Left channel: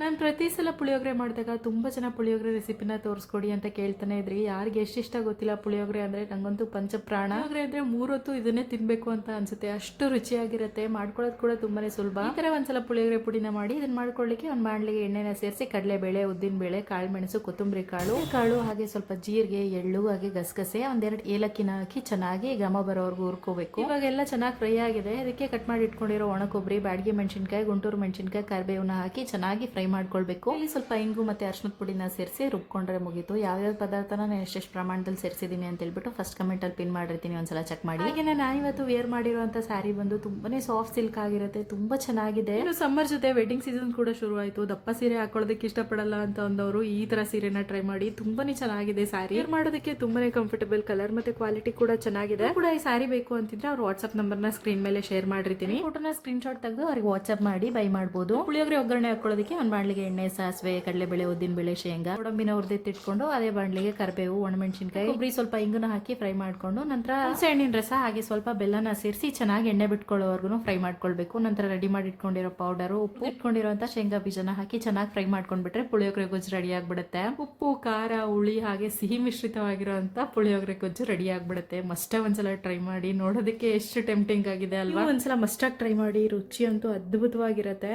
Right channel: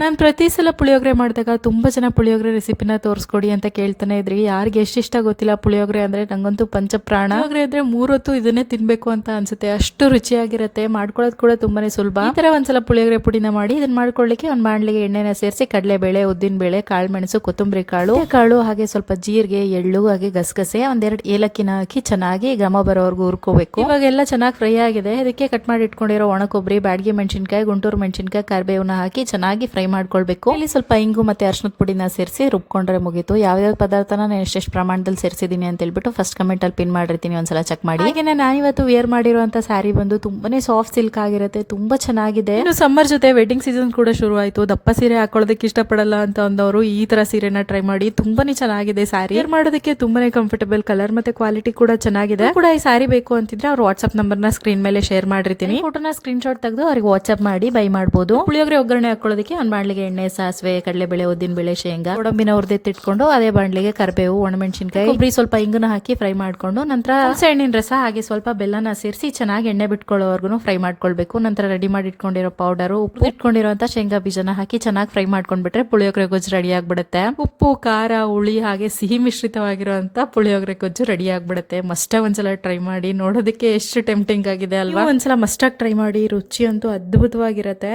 ನಾನು ಪ್ರತಿ ಸಲ ಪುಳಿಯೋಗರೆ ಮಾಡಿದಾಗ ತುಂಬ ಜನ ಪುಳಿಯೋಗರೆ ರೆಸಿಪಿನ ತೋರಿಸ್ಕೊಡಿ ಅಂತ ಕೇಳ್ತಾನೆ ಇದ್ರಿ. ಯಾರಿಗೆ ಎಷ್ಟಿಷ್ಟ ಗೊತ್ತಿಲ್ಲ ಪುಳಿಯೋಗರೆ ಅಂದರೆ, ನನಗಂತೂ ಪಂಚಪ್ರಾಣ. ಪುಳಿಯೋಗರೆ ಅಂದರೆ 3 ಹೊತ್ತು ಇದನ್ನೇ ತಿನ್ನಬೇಕು ಅಂತ ಅನ್ಸುತ್ತೆ, ಅಷ್ಟು ರುಚಿಯಾಗಿರುತ್ತೆ. ಮಾಡ್ಕೊಳ್ಳೋದು ಕೂಡ ತುಂಬಾನೇ ಸುಲಭ. ಈ ಥರ ಒಂದ್ಸಲ ಪುಳಿಯೋಗರೆ ಪುಡಿನ ಮಾಡಿ ಇದನ್ನ ಮಾಡ್ಕೊಳ್ಳಿಕ್ಕೆ ಒಂದು ಬಾಣಲಿಗೆ ಎಣ್ಣೆನ ಸೇರಿಸಿ ಕಡಲೆಬೇಳೆ, ಉದ್ದಿನಬೇಳೆ, ಕಾಳುಮೆಣಸು, ಕೊತ್ತಂಬರಿ ಕಾಳು ಹಾಗೆ ಸ್ವಲ್ಪ ಜೀರಿಗೆ, ಎಳ್ಳು ಹಾಗೆ ಗಸಗಸೆ, ಒಂದೆರಡು ಏಲಕ್ಕಿನ ಹಾಕಿ ಚೆನ್ನಾಗಿ ಘಮ ಬರೋವರೆಗೂ ಹುರ್ಕೋಬೇಕು. ಇವಾಗೆಲ್ಲ ಚೆನ್ನಾಗಿ ಫ್ರೈ ಆಗಿದೆ. ಇದಕ್ಕೆ ಕಟ್ ಮಾಡಿ ಇಟ್ಕೊಂಡಿರೋ ಒಣ ಕೊಬ್ಬರಿ, ಬ್ಯಾಡಗಿ ಮೆಣಸಿನಕಾಯಿ, ಗುಂಟೂರು ಮೆಣಸಿನಕಾಯಿ, ಕರಿಬೇವನ್ನ ಹಾಕಿ ಚೆನ್ನಾಗಿ ಫ್ರೈ ಮಾಡ್ಕೊಳ್ಬೇಕು. ಇಲ್ಲಿ ಸ್ವಲ್ಪ ಇಂಗು ಮತ್ತೆ ಅರಿಶಿನದ ಪುಡಿನ ಸೇರಿಸಿ ರುಬ್ಕೊಂಡ್ರೆ ಮುಗೀತು. ಯಾವ್ಯಾವ ಪದಾರ್ಥನ ನಾನು ಎಷ್ಟೆಷ್ಟು ಪ್ರಮಾಣದಲ್ಲಿ ಸೇರಿಸಿದೀನಿ ಅಂತ ಹೇಳ್ಬಿಟ್ಟು ಫಸ್ಟ್ ಕಮೆಂಟ್ ಅಲ್ಲಿ ಪಿನ್ ಮಾಡಿರ್ತೀನಿ, ಒಂದ್ಸಲ ಚೆಕ್ ಮಾಡಿ. ಹಾಗೆ ನಾನಿವತ್ತು ವೇರ್ ಮಾಡಿರುವಂತ ಸ್ಯಾರಿ ಬಂದು ತುಂಬಾನೇ ಸಾಫ್ಟ್ ಸಿಲ್ಕ್ ಆಗಿರುತ್ತೆ, ತುಂಬಾ ಚೆನ್ನಾಗಿದೆ. ಇನ್ನು ಸಮ್ಮರ್ ಜೊತೆ ವೆಡ್ಡಿಂಗ್ ಸೀಸನ್ ಕೂಡ ಶುರು ಆಯ್ತು. ದಪ್ಪ ಸೀರೆ ಹಾಕೊಳ್ಳೋದಕ್ಕೆ ಇಷ್ಟಪಡಲ್ಲ ಅಂತ ಅಂದವರು ಈ ತರ ಸೀರೆನ ಟ್ರೈ ಮಾಡಿ, ತುಂಬಾನೇ ಚೆನ್ನಾಗಿದೆ ಸ್ಯಾರಿ. ವೇರ್ ಮಾಡೋದಕ್ಕೆ ತುಂಬಾನೇ ಕಂಫರ್ಟಬಲ್, ಕಲರ್ ಮತ್ತೆ ಕ್ವಾಲಿಟಿ ಕೂಡ ಚೆನ್ನಾಗಿದೆ. ಕೂಡ ಈ ಸ್ಯಾರಿ ಬೇಕು ಅಂತಿದ್ರೆ ಅವ್ರ ವಾಟ್ಸ್ಆಪ್ ನಂಬರ್ನ ಸ್ಕ್ರೀನ್ ಮೇಲೆ ಶೇರ್ ಮಾಡಿರ್ತೀನಿ. ಫೋಟೋನ ಸ್ಕ್ರೀನ್ ಶಾಟ್ ತೆಗೆದು ಅವ್ರಿಗೆ ವಾಟ್ಸ್ಆಪ್ ಮಾಡಿ ಬೈ ಮಾಡಬಹುದು. ಪುಳಿಯೋಗರೆ ಒಗ್ಗರಣೆ ಹಾಕೊಳ್ಳೋದಕ್ಕೆ ಒಂದು ಬಾಣಲಿಗೆ ಎಣ್ಣೆ, ಸಾಸಿವೆ, ಕಡಲೆಬೇಳೆ, ಉದ್ದಿನಬೇಳೆ, ಶೇಂಗಾ, ಗೋಡಂಬಿನ ಹುರಿದಿಟ್ಟಿಟ್ಕೊಂಡು ಅದೇ ಬಾಣಲಿಗೆ ಕರಿಬೇವು, ಒಣಮೆಣಸಿನಕಾಯಿ, ಕೊಬ್ಬರಿ, ಸ್ವಲ್ಪ ಇಂಗನ್ನ ಹಾಕಿ ಫ್ರೈ ಮಾಡ್ಕೊಂಡು ನಂತರ ಹಣ್ಣಿನ ರಸ ಹಾಗೆ ಸ್ವಲ್ಪ ಬೆಲ್ಲನ ಸೇರಿಸಿ ಚೆನ್ನಾಗಿ ಎಣ್ಣೆ ಬಿಟ್ಕೊಳ್ಳೋವರೆಗೂ ಫ್ರೈ ಮಾಡ್ಕೊಳ್ಬೇಕು. ನಂತರ ರೆಡಿ ಮಾಡಿ ಇಟ್ಕೊಂಡಿರೋ ಪೌಡರ್, ಉಪ್ಪು, ಇಟ್ಕೊಂಡಿರುವಂತ ಶೇಂಗಾ ಬೀಜನ ಹಾಕಿ ಚೆನ್ನಾಗಿ ಫ್ರೈ ಮಾಡ್ಕೊಂಡ್ಬಿಟ್ರೆ ಪುಳಿಯೋಗರೆ ಗೊಜ್ಜು ರೆಡಿ ಆಗ್ಬಿಡುತ್ತೆ. ಉಪ್ಪು, ಖಾರ, ಹುಳಿ ಹಾಗೆ ಸಿಹಿ ಮಿಶ್ರಿತವಾಗಿರುವಂತ ಪುಳಿಯೋಗರೆ ಗೊಜ್ಜು ರೆಡಿ ಆಗ್ಬಿಡುತ್ತೆ. ಮಸ್ಟ ಒಂದ್ಸಲ ಟ್ರೈ ಮಾಡಿ. ನೋಡೋದಕ್ಕೆ ಎಷ್ಟು ಟೆಂಪ್ಟಿಂಗ್ ಆಗಿದೆ ಅಲ್ವಾ? ಒಂದ್ಸಲ ಮಸ್ಟಾಗಿ ಟ್ರೈ ಮಾಡಿ, ರುಚಿ ಅಂತೂ ಅದ್ಭುತವಾಗಿರುತ್ತೆ.